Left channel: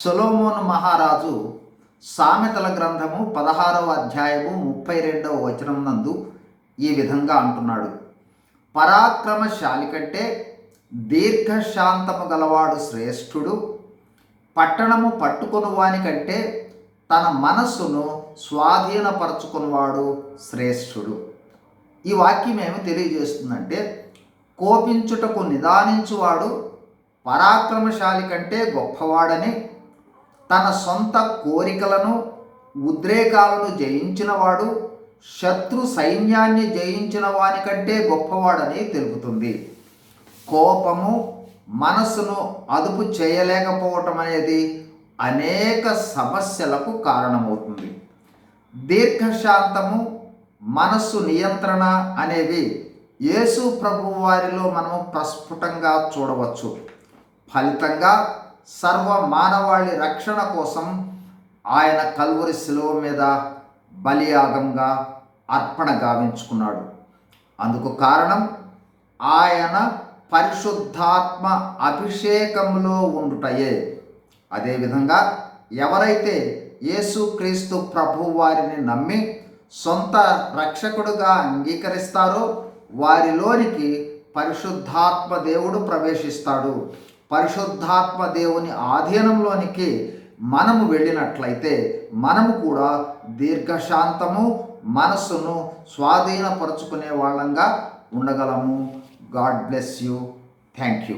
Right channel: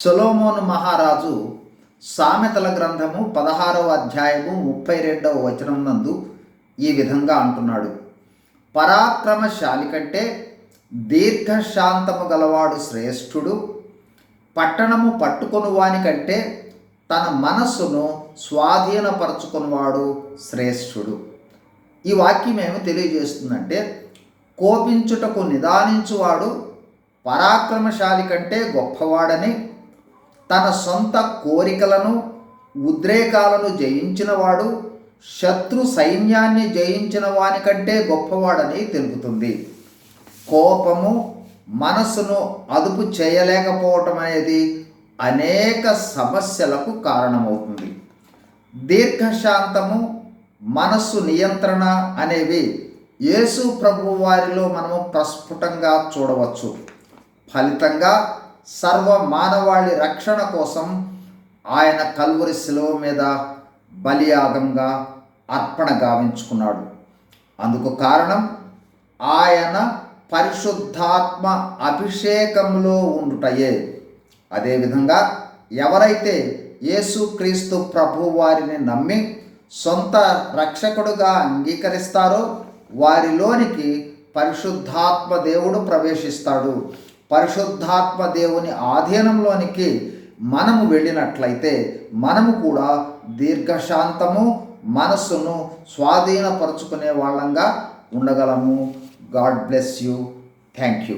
సొలోమోను మహారాజు సామెతల గ్రంథము పదహారవ అధ్యాయము ముప్పై రెండవ వచనం నందు ఈ విధంగా అంటున్నాడు. పరాక్రమశాలి కంటే దీర్ఘశాంతము గలవాడు శ్రేష్ఠుడు పట్టణము పట్టుకొని వాని కంటే తన మనస్సును స్వాధీనపరచుకున్నవాడు శ్రేష్ఠుడు. ఈ వాక్యం ఏమి తెలియజేస్తుందంటే కోపించుటకు నిదానించువాడు పరాక్రమశాలి కంటే గొప్పవాడని తన సొంత కోరికలను ఉద్రేకాలను జయించినవాడు శత్రు సైన్యాన్ని జయించిన వానికంటే గొప్పవాడని తెలుపుతుంది. కోపము మనస్సును అదుపు చేయలేకపోవటం అనేది అనేక సమస్యలకు కారణమవుతుంది. దీర్ఘశాంతము మనస్సు నియంత్రణ అనేవి యేసు ప్రభు వారిలో మనము ప్రస్ఫుటంగా చూడవచ్చు. ఫలితంగా సర్వ మానవాళి రక్షణ కోసం ఆయన కల్వరి శిలువ మీద బలియాగంగా అర్పణ గావించుకున్నాడు. అందుకు కారణం ఆయన పరిశుద్ధాత్మ అభిషేకంలో ఉండుటయే. అదేవిధంగా ఎవరైతే యేసుక్రీస్తు ప్రభు వారిని నమ్మి సొంత రక్షకుడుగా అంగీకరిస్తారో వారిలోనికి పరిశుద్ధాత్మ దేవుడు ప్రవేశిస్తాడు. పరిశుద్ధాత్మ దేవుని ఆధీనంలోనికి మనము వెళ్ళినట్లయితే మనము కూడా దీర్ఘశాంతము మనస్సును స్వాధీనపరుచుకునే వాళ్ళంగా ఉండగలము. God bless you. Thank you.